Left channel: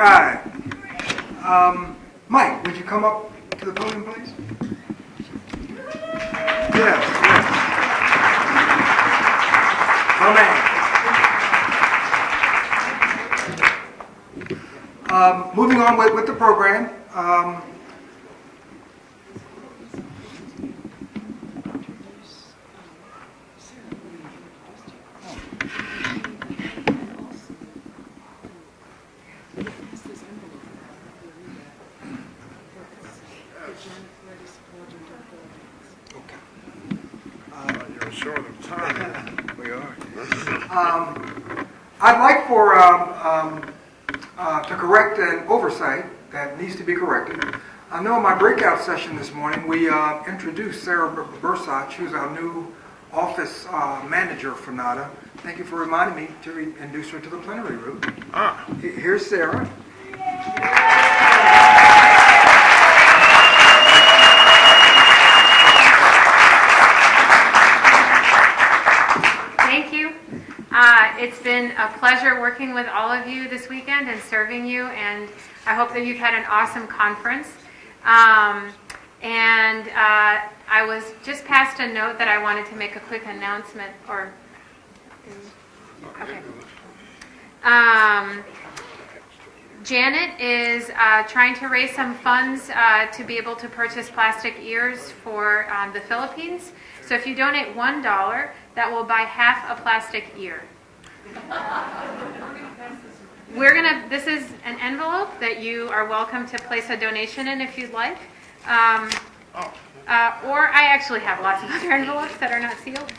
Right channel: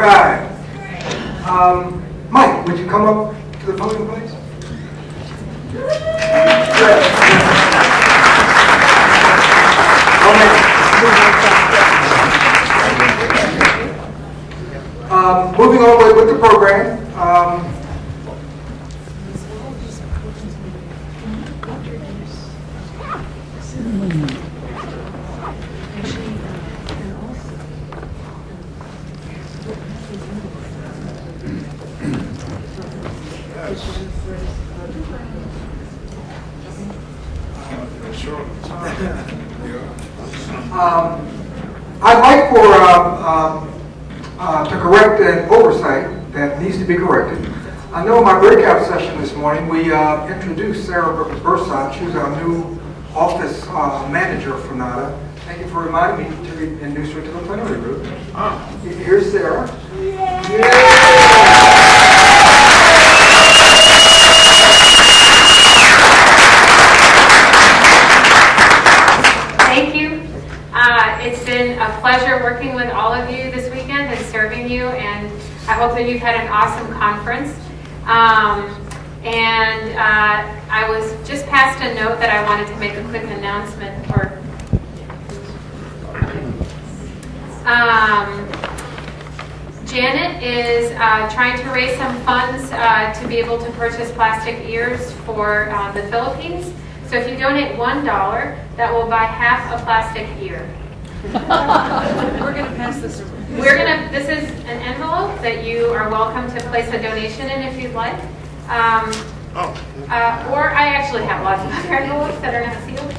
right. Mike, would you come up to the podium, please? Yes. Moving on with the program. I'd like to correct an oversight that needs to be corrected. I know in my breakout session this morning, we introduced Sarah Bursot. She was our new office manager for NADA. Thank you for reminding me to introduce her to the plenary room. Here's Sarah. Thank you. It's been a pleasure working with all of you this weekend and serving you, and I hope that you've had an awesome conference. I was just passed a note that I wanted to make a quick announcement. Janet is trying to raise some funds to be able to purchase plastic ears for the Philippines. So if you donate $1, that will buy half a plastic ear. We're going to pass this around. This is an envelope that you are welcome to place a donation in if you'd like. Or I actually have lots of other envelopes that are not sealed.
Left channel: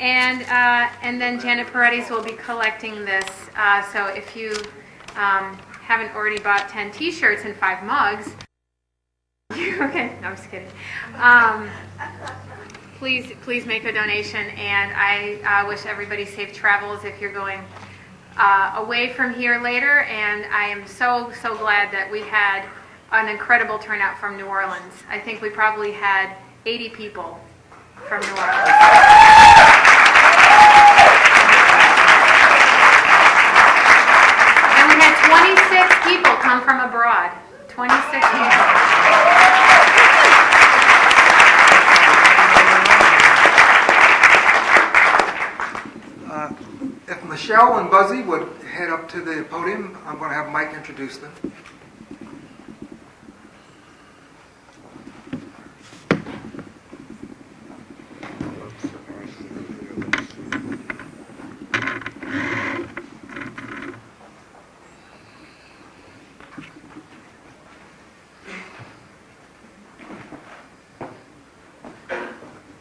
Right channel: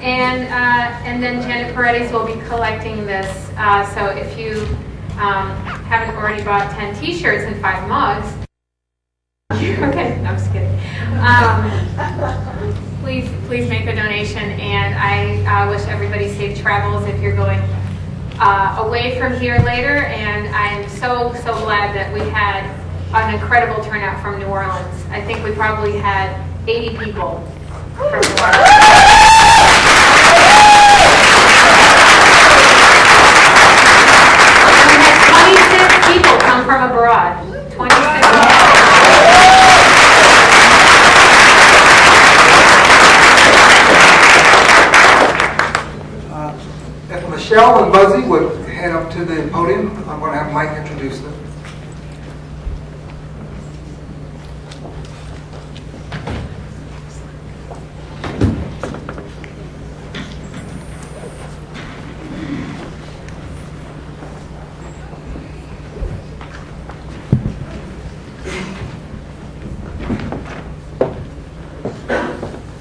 And then Janet Paredes will be collecting this. So if you haven't already bought 10 t-shirts and 5 mugs, okay, I'm just kidding. Please make a donation, and I wish everybody safe travels if you're going away from here later. And I am so glad that we had an incredible turnout from New Orleans. I think we probably had 80 people from New Orleans. And we had 26 people come from abroad. 26 people. If Michelle and Buzzy would head up to the podium, I'm going to have Mike introduce them.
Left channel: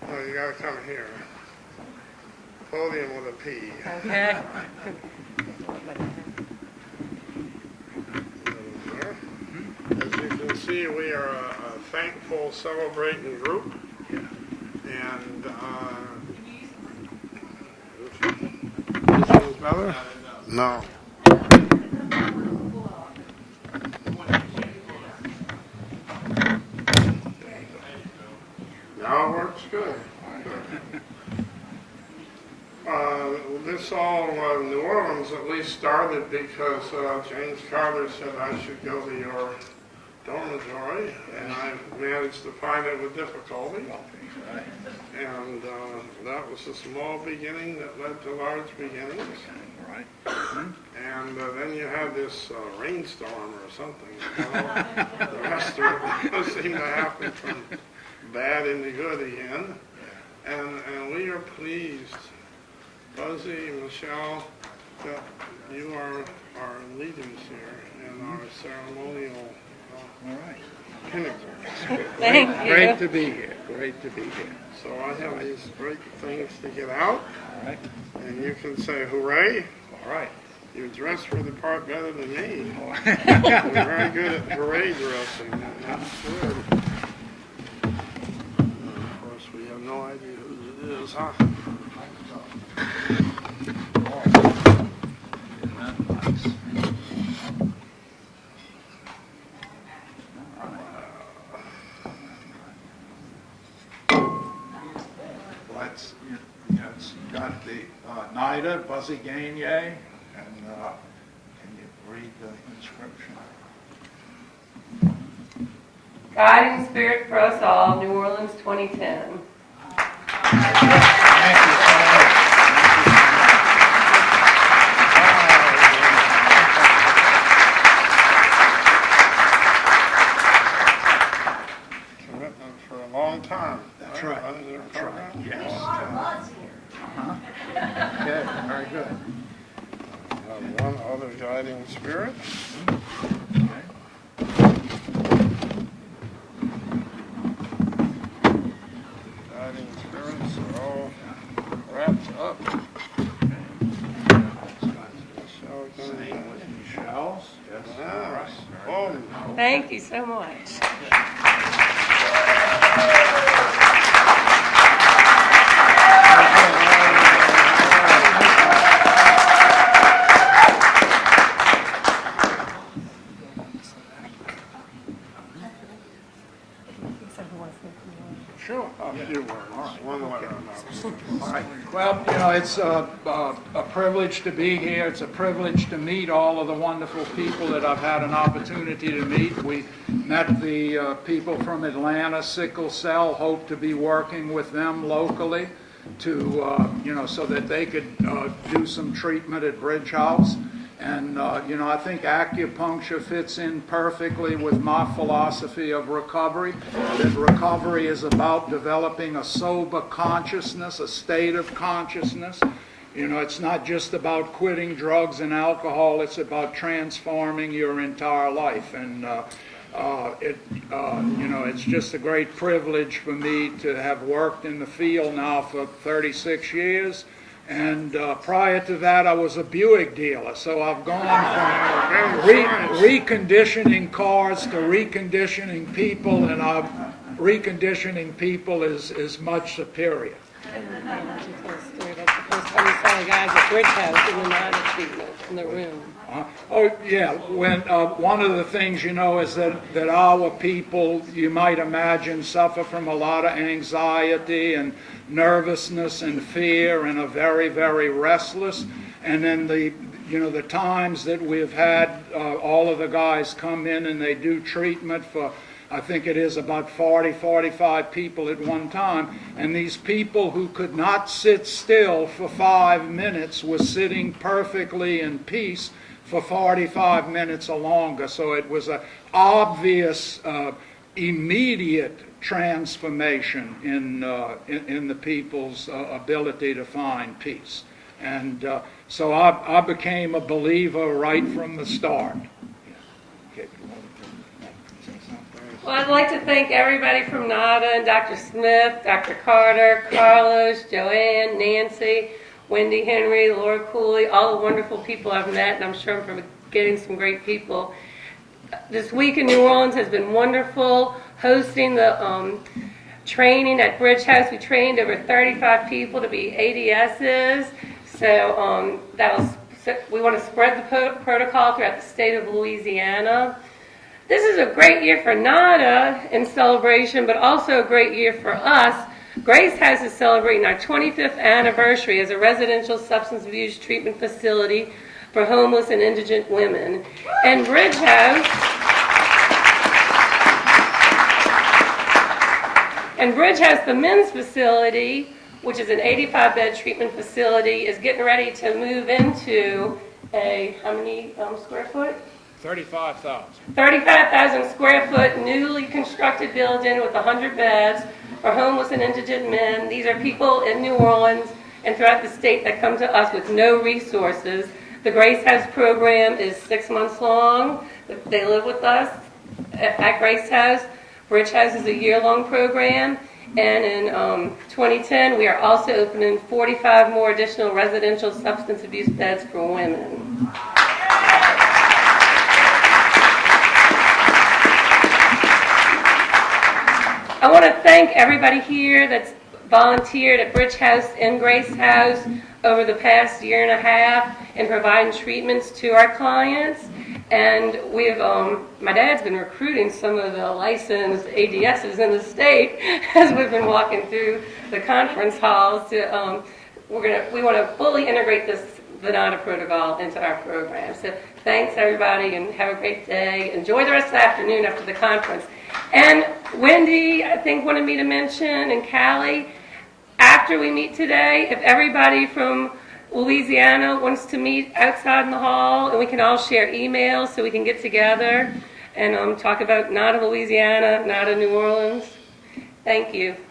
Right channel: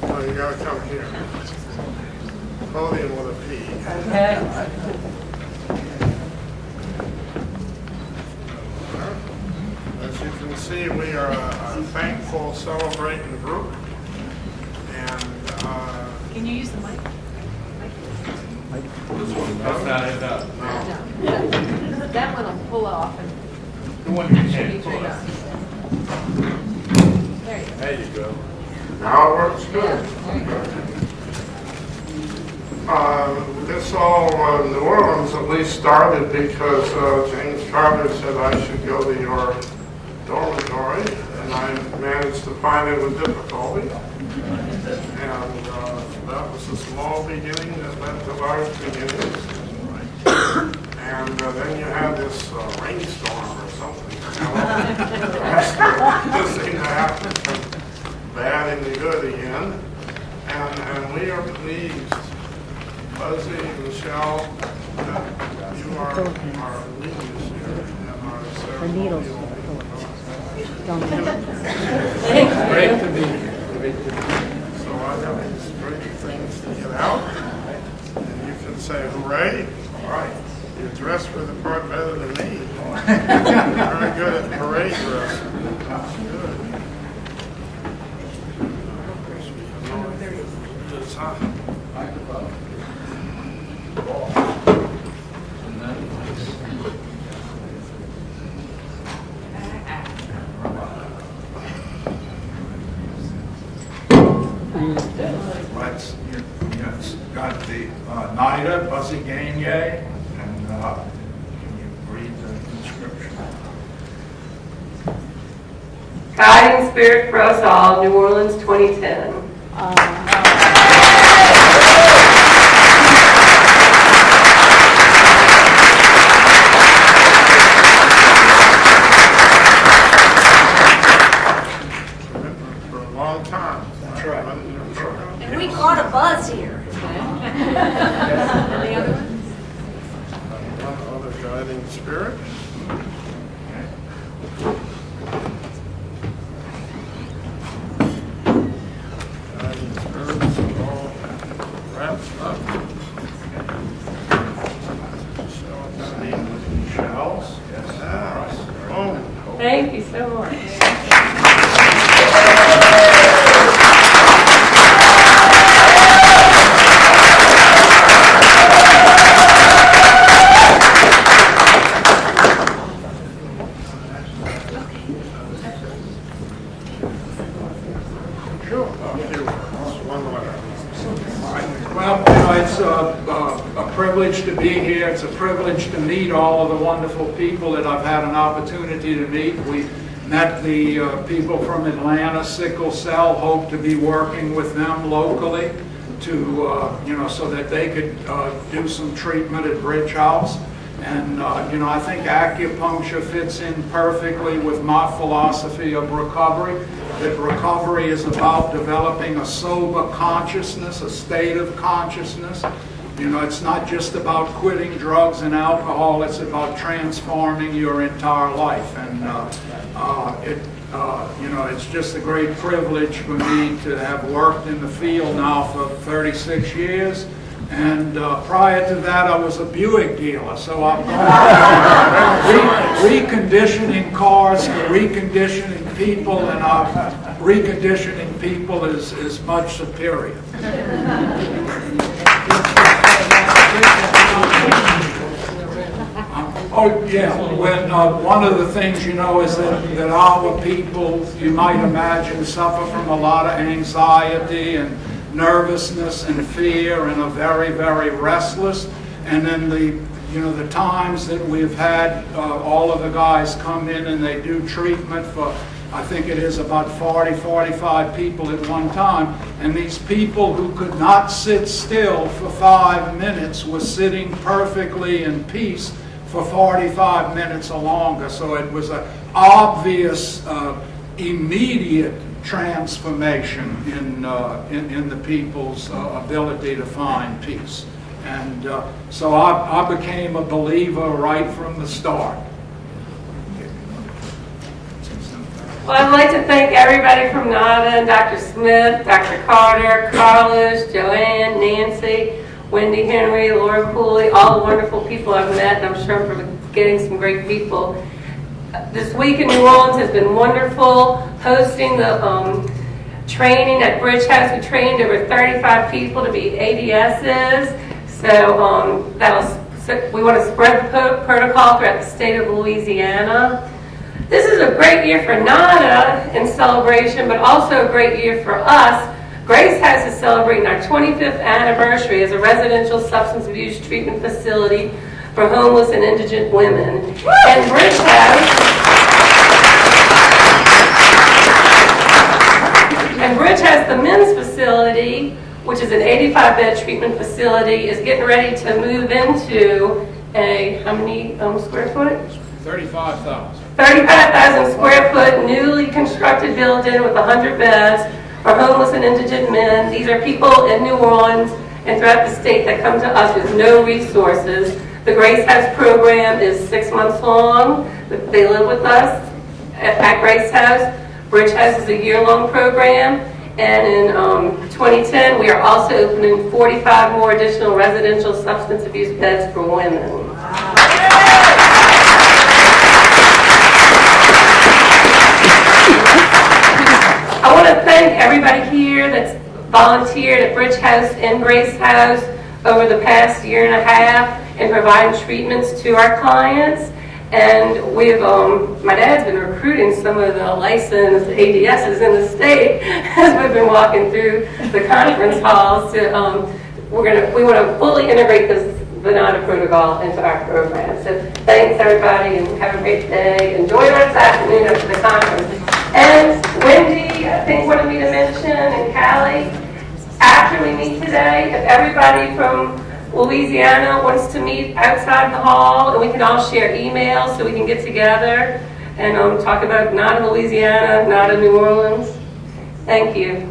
Oh, you gotta come here. Podium with a P. Okay. As you can see, we are a thankful, celebrating group. And, Can you use the mic? no. That one will pull off and should be turned on. There you go. Now it works good. This all, New Orleans at least started because James Carter said I should go to your dormitory, and I managed to find it with difficulty. And that was a small beginning that led to large beginnings. And then you had this rainstorm or something. This seemed to happen from bad into good again. And we are pleased, Buzzy and Michelle, that you are our leaders here and our ceremonial. Thank you. Great to be here. Great to be here. So I have these great things to get out, and you can say hooray. All right. You're dressed for the part better than me. You're very good at parade dress. Of course, we have no idea who it is, huh? Got the NIDA, Buzzy Gagne, and read the inscription. Guiding Spirit for Us All, New Orleans, 2010. Commitment for a long time. That's right. And we caught a buzz here. Any other ones? One other guiding spirit. Guiding spirits are all wrapped up. So, the shells. Yes. Oh. Thank you so much. Sure. One letter. Well, it's a privilege to be here. It's a privilege to meet all of the wonderful people that I've had an opportunity to meet. We met the people from Atlanta, Sickle Cell, hope to be working with them locally to, so that they could do some treatment at Bridge House. And, I think acupuncture fits in perfectly with my philosophy of recovery, that recovery is about developing a sober consciousness, a state of consciousness. It's not just about quitting drugs and alcohol, it's about transforming your entire life. And it's just a great privilege for me to have worked in the field now for 36 years. And prior to that, I was a Buick dealer, so I'm reconditioning cars to reconditioning people, and reconditioning people is much superior. Oh, yeah. When one of the things, is that our people, you might imagine, suffer from a lot of anxiety and nervousness and fear and are very, very restless. And then the times that we've had all of the guys come in and they do treatment for, I think it is about 40, 45 people at one time. And these people who could not sit still for 5 minutes were sitting perfectly in peace for 45 minutes or longer. So it was an obvious, immediate transformation in the people's ability to find peace. And so I became a believer right from the start. Well, I'd like to thank everybody from NADA, and Dr. Smith, Dr. Carter, Carlos, Joanne, Nancy, Wendy Henry, Laura Cooley, all the wonderful people I've met, and I'm sure I'm forgetting some great people. This week in New Orleans has been wonderful, hosting the training at Bridge House. We trained over 35 people to be ADSs. So we want to spread the protocol throughout the state of Louisiana. This is a great year for NADA in celebration, but also a great year for us. Grace House is celebrating our 25th anniversary as a residential substance abuse treatment facility for homeless and indigent women. And Bridge House, the men's facility, which is an 85-bed treatment facility, is getting ready to move into a, how many square foot? 35,000. 35,000 square foot newly constructed building with 100 beds for homeless and indigent men. These are people in New Orleans and throughout the state that come to us with no resources. The Grace House program is 6 months long. They live with us at Grace House. Bridge House is a year-long program. And in 2010, we are also opening 45 more additional residential substance abuse beds for women. I want to thank everybody here that's volunteered at Bridge House and Grace House over the past year and a half in providing treatments to our clients. And we've, my dad's been recruiting some of the licensed ADSs in the state as we've been walking through the conference halls. We want to fully integrate this the NADA protocol into our program. So thanks, everybody, and have a great day. Enjoy the rest of the afternoon after the conference. And Wendy, I think, wanted me to mention, and Callie, after we meet today, if everybody from Louisiana wants to meet outside in the hall, and we can all share emails so we can get together and talk about NADA Louisiana, NADA New Orleans. Thank you.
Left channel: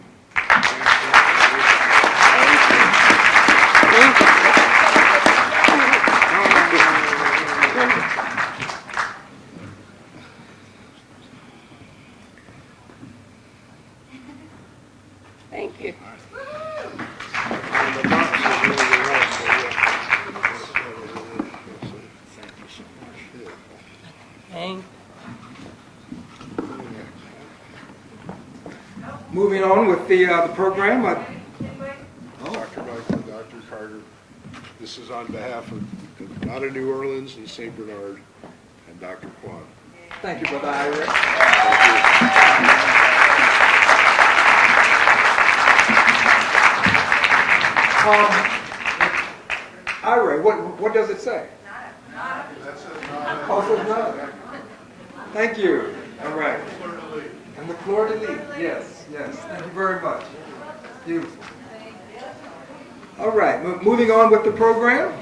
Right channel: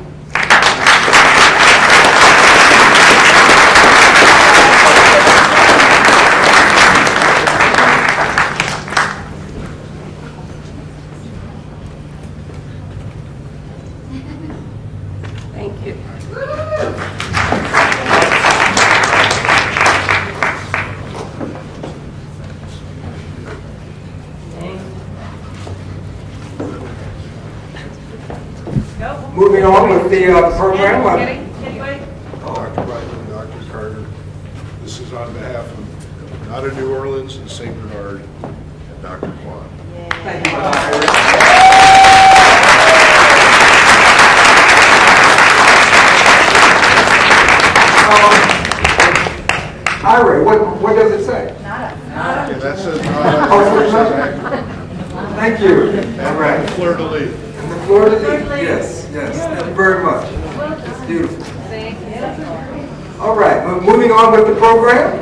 Thank you. Moving on with the program. Dr. Michael, Dr. Carter. This is on behalf of NADA New Orleans and St. Bernard and Dr. Quan. Thank you, Dr. Ira, what does it say? Okay, that says Thank you. All right. Fleur de Lis. And the Florida League, yes, yes. Thank you very much. It's beautiful. All right, moving on with the program.